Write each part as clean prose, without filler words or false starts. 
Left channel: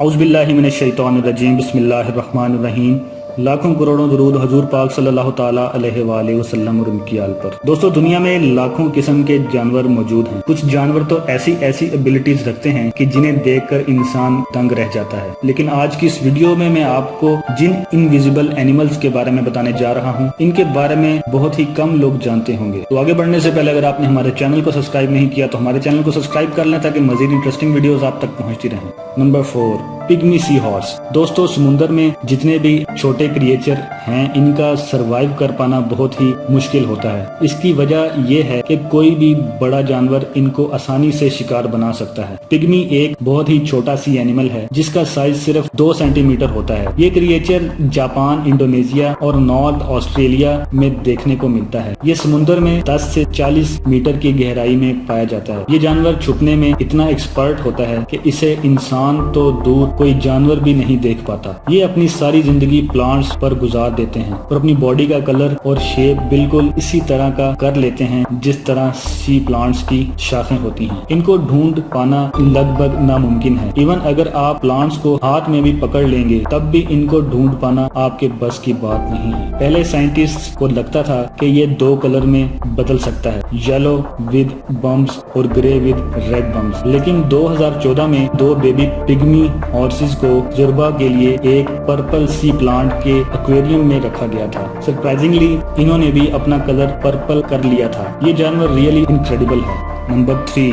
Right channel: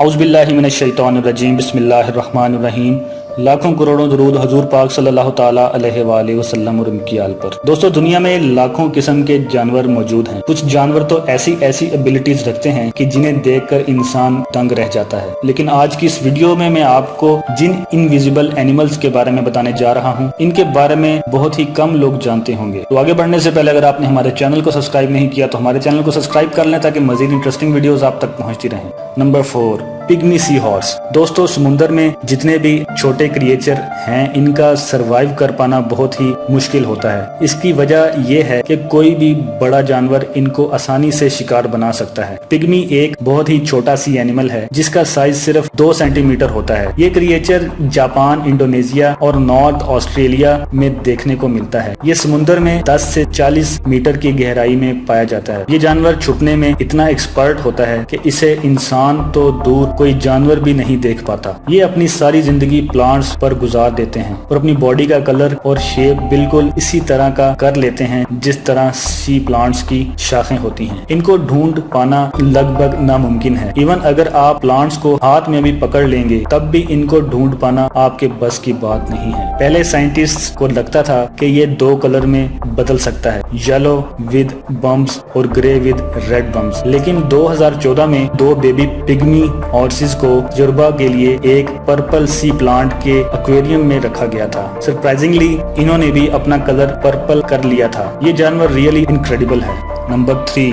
اعوذ باللہ من الشیطان الرجیم، بسم اللہ الرحمن الرحیم۔ لاکھوں کروڑوں درود حضور پاک صلی اللہ تعالیٰ علیہ وآلہ وسلم اور ان کی آل پر۔ دوستو، دنیا میں لاکھوں قسم کے جانور موجود ہیں۔ کچھ جانور تو ایسی ایبیلٹیز رکھتے ہیں کہ جنہیں دیکھ کر انسان دنگ رہ جاتا ہے، لیکن آج کی اس ویڈیو میں آپ کو جن انویزیبل اینیملز کے بارے میں بتانے جا رہا ہوں، ان کے بارے میں بہت ہی کم لوگ جانتے ہوں گے۔ تو آگے بڑھنے سے پہلے اگر آپ نے ہمارے چینل کو سبسکرائب نہیں کیا تو ہمارے چینل کو سبسکرائب کر لیں تاکہ مزید انٹرسٹنگ ویڈیوز آپ تک پہنچتی رہیں۔ نمبر 4، پگمی سی ہارس۔ دوستو، سمندر میں جتنے بھی چھوٹے کریچر ہیں، ان کا سروائیو کر پانا بہت ہی مشکل ہوتا ہے۔ اس کی وجہ یہ ہے کہ کوئی بھی بڑا جانور ان کو آسانی سے شکار بنا سکتا ہے۔ پگمی ایک بہت ہی چھوٹا سی اینیمل ہے جس کا سائز صرف 2 سینٹی میٹر ہوتا ہے۔ یہ کریچر جاپان، انڈونیشیا اور نارتھ آسٹریلیا میں دیکھنے کو ملتا ہے۔ یہ سمندر میں 10 سے 40 میٹر کی گہرائی میں پایا جاتا ہے۔ یہ جانور چھپنے میں اتنا ایکسپرٹ ہوتا ہے کہ اسے انسان تو دور کوئی جانور بھی نہیں دیکھ پاتا۔ یہ اپنی ساری زندگی پلانٹس پر گزار دیتے ہیں اور اپنی باڈی کا کلر اور شیپ بالکل اسی طرح کا کر لیتے ہیں جس طرح سی پلانٹس کی شاخیں ہوتی ہیں۔ ان کو ڈھونڈ پانا لگ بھگ ناممکن ہے۔ ایون اگر آپ پلانٹس کو ہاتھ میں بھی پکڑ لیں گے تب بھی ان کو ڈھونڈ پانا آپ کے بس کی بات نہیں ہے۔ پہلے سائنٹسٹ کو لگتا تھا کہ یہ 2 کلر میں بدل سکتا ہے، یلو ود بمپس اور گرے ود ریڈ بمپس، لیکن 2014 میں 2 بیبی پگمی ہارسز کو تجربہ کے لیے ایک پرپل سی پلانٹ کے ایکویریم میں رکھا گیا تھا۔ سرپرائزنگلی انہوں نے بھی اپنا کلر پرپل کر لیا تھا۔ یہ جانور ریئلی انکریڈیبل ہے۔ Number 3،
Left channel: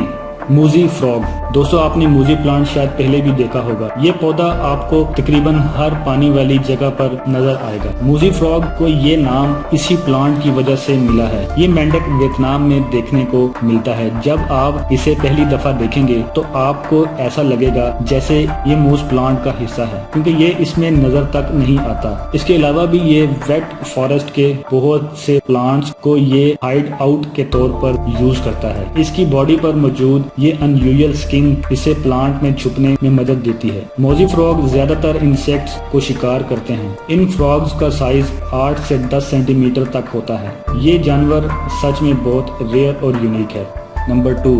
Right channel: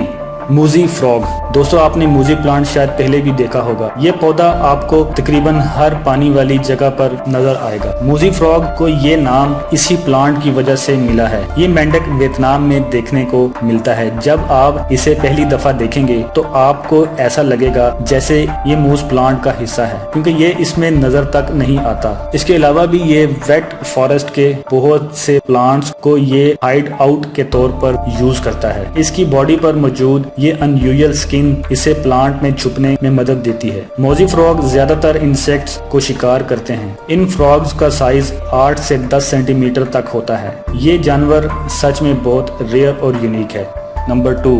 mossy frog. دوستو، آپ نے موزی پلانٹ شاید پہلے بھی دیکھا ہوگا۔ یہ پودا آپ کو تقریباً ہر پانی والی جگہ پر نظر آئے گا۔ موزی فراگ کو یہ نام اسی پلانٹ کی وجہ سے ملا ہے۔ یہ مینڈک ویتنام میں دیکھنے کو ملتا ہے۔ جب آپ اسے پہلی دفعہ دیکھیں گے تو آپ کو ایسا لگے گا جیسے یہ موز پلانٹ کا حصہ ہے، کیونکہ یہ اس میں نظر تک نہیں آتا۔ اس کے علاوہ بھی یہ ویٹ فارسٹ کے بہت سے پلانٹس کو یہ ہائیڈ آؤٹ کے طور پر یوز کرتا ہے۔ اس کی باڈی پر موجود یہ انیوزل سکن اسے پلانٹ میں چھپنے میں مدد دیتی ہے۔ موزی فراگ زیادہ تر انسیکٹس کو شکار کرتے ہیں۔ ان فراگز کا سائز 8 سے 10 سینٹی میٹر تک ہوتا ہے۔ یہ جانور سچ میں بہت ریئر اور یونیک ہے۔ نمبر 2،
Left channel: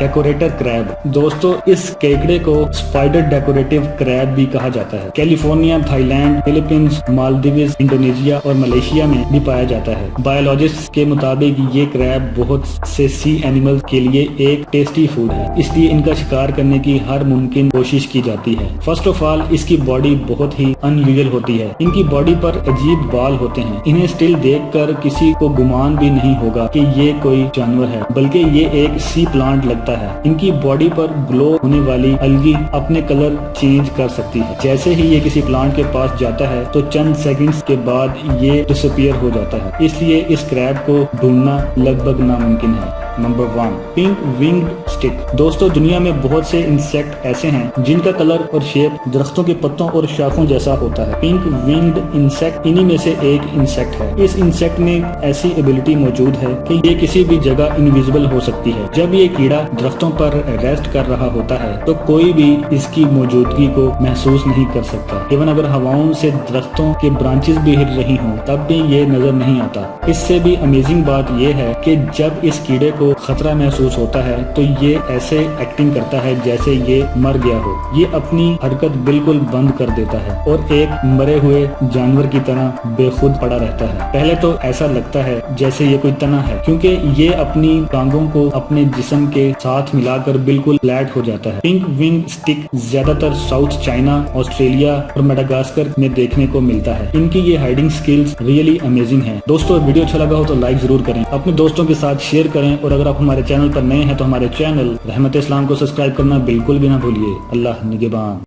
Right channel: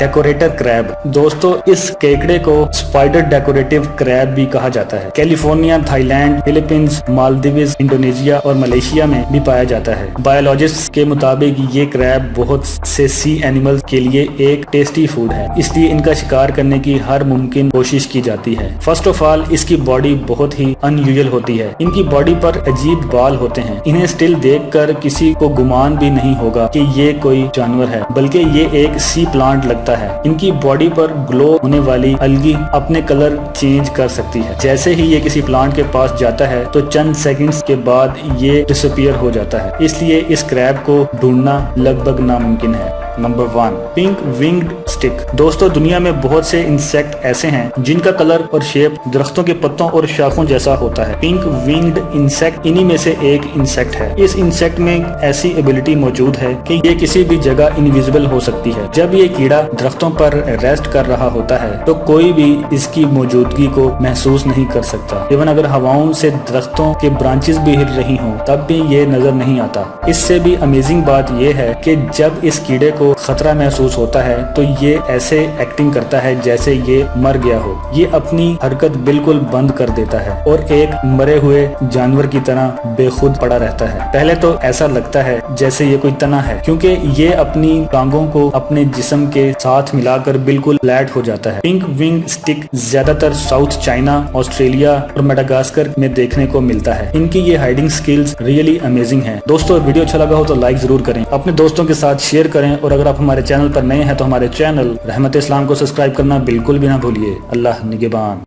ڈیکوریٹر کریب۔ دوستو، اس کیکڑے کو اسپائڈر ڈیکوریٹو کریب بھی کہا جاتا ہے۔ California, Thai land, Philippines, مالدیوز، Indonesia اور ملیشیا میں بھی پایا جاتا ہے۔ بایولوجسٹ کے مطابق یہ کریب بہت سے سی اینیمل کے لیے ایک ٹیسٹی فوڈ ہے، اس لیے ان کا شکار کرنے کی ہر ممکن کوشش کی جاتی ہے۔ فرسٹ آف آل، اس کی باڈی بہت ہی انیوزل ہوتی ہے۔ ان کی باڈی پر عجیب بال ہوتے ہیں۔ انہیں سٹل دیکھ کر کسی کو گمان بھی نہیں ہوگا کہ یہ کوئی جانور ہے، بلکہ یہ ایک سی پلانٹ لگتا ہے۔ ان کی باڈی پر گلو ہونے والی الگی اپنے کلر چینج کر سکتی ہے۔ جیسے ہی یہ کسی پلانٹ کے پاس جاتا ہے تو چند سیکنڈز کے بعد یہ ڈسپیئر ہو جاتا ہے، اس لیے اس کریب کو ڈھونڈنا لگ بھگ ناممکن ہے۔ Number 1، pink winged stick. دوستو، دنیا میں بہت سے انسیکٹ ایسے ہیں جن کا کلر اور شیپ درختوں کے پتوں اور شاخوں جیسا ہوتا ہے۔ پنک ونگڈ انسیکٹ انہی میں سے ایک انسیکٹ ہے۔ اس انسیکٹ میں ایسی ایبلٹی موجود ہے کہ یہ کسی بھی جگہ انویزیبل ہو سکتی ہے۔ جب یہ کیڑا درختوں پر ریسٹ کر رہا ہوتا ہے تو کوئی بھی اس کی موجودگی کو محسوس نہیں کر سکتا۔ ایون اگر ہواؤں سے درختوں کے برانچز بھی ہل رہی ہوں تب بھی یہ نظر نہیں آتا۔ اس سے بھی امیزنگ بات یہ ہے کہ جب اس کیڑے کو خطرہ محسوس ہوتا ہے تو یہ ایسے ایکٹنگ کرتا ہے جیسے یہ مر گیا ہو۔ یہ اپنی حرکت بالکل بند کر دیتا ہے اور ایک مرے ہوئے جانور کی طرح بے خود پڑا رہتا ہے۔ پہلے تو ایسا لگتا ہے جیسے یہ کوئی تنا ہے، کیونکہ یہ اپنی ٹانگوں کو اپنے جسم کے ساتھ ملا کر بالکل فلیٹ ہو جاتا ہے۔ پنک ونگ اسٹک زیادہ تر ساؤتھ چائنا، آسٹریلیا اور میڈاگاسکر میں دیکھنے کو ملتا ہے۔ ان کی یہ ہائیڈنگ سکلز ریئلی امیزنگ ہیں۔ دوستو، ویڈیو اچھا لگا ہو تو لائک ضرور کریں، اپنے دوستوں کے ساتھ شیئر کریں، اور اگر آپ ہمارے چینل پر نئے ہیں تو ہمارے چینل رحمت اسلام کو سبسکرائب کرنا بالکل بھی نہ بھولیے۔ اللہ نگہبان۔